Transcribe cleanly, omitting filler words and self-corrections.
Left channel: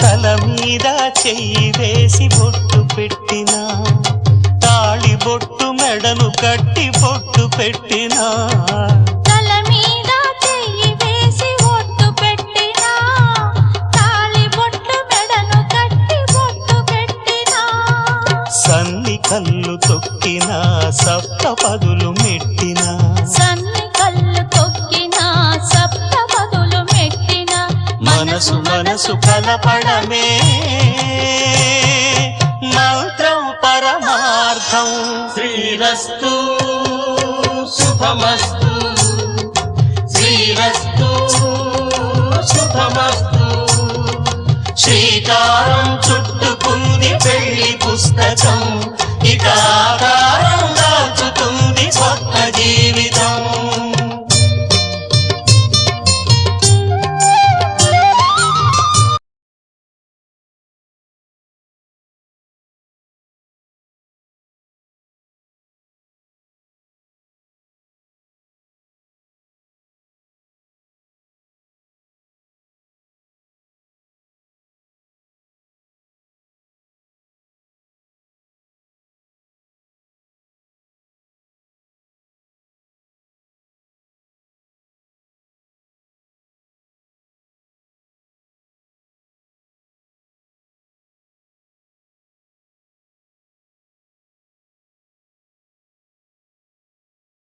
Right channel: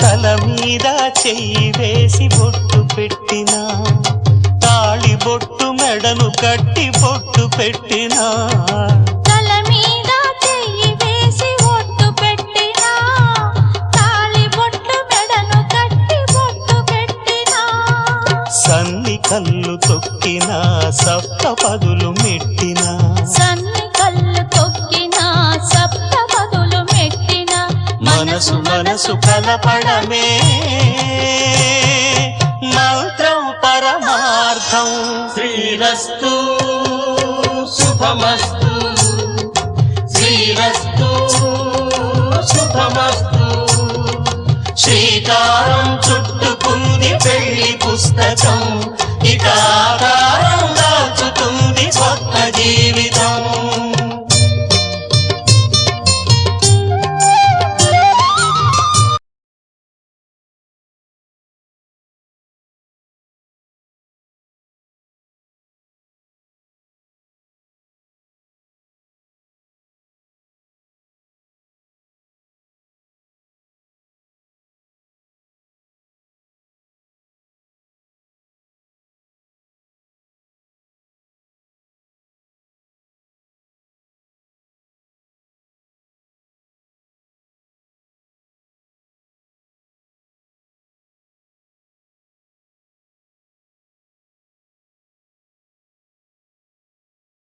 తల మీద చెయ్యి వేసి బొట్టు పెట్టినా, తాళి బొట్టు మెడను కట్టి బొట్టు పెట్టినా, తల మీద చెయ్యి వేసి బొట్టు పెట్టినా, తాళి బొట్టు మెడను కట్టి బొట్టు పెట్టినా, సన్ని కళ్ళు తొక్కినా సప్త పదులు మెట్టినా, సన్ని కళ్ళు తొక్కినా సప్త పదులు మెట్టినా, మనసు మనసు కలపడమే మంత్రం పరమార్థం. శ్రీరస్తు శుభమస్తు, శ్రీరస్తు శుభమస్తు. శ్రీకారం చుట్టుకుంది పెళ్లి పుస్తకం, ఇక ఆకారం దాచుతుంది కొత్త జీవితం.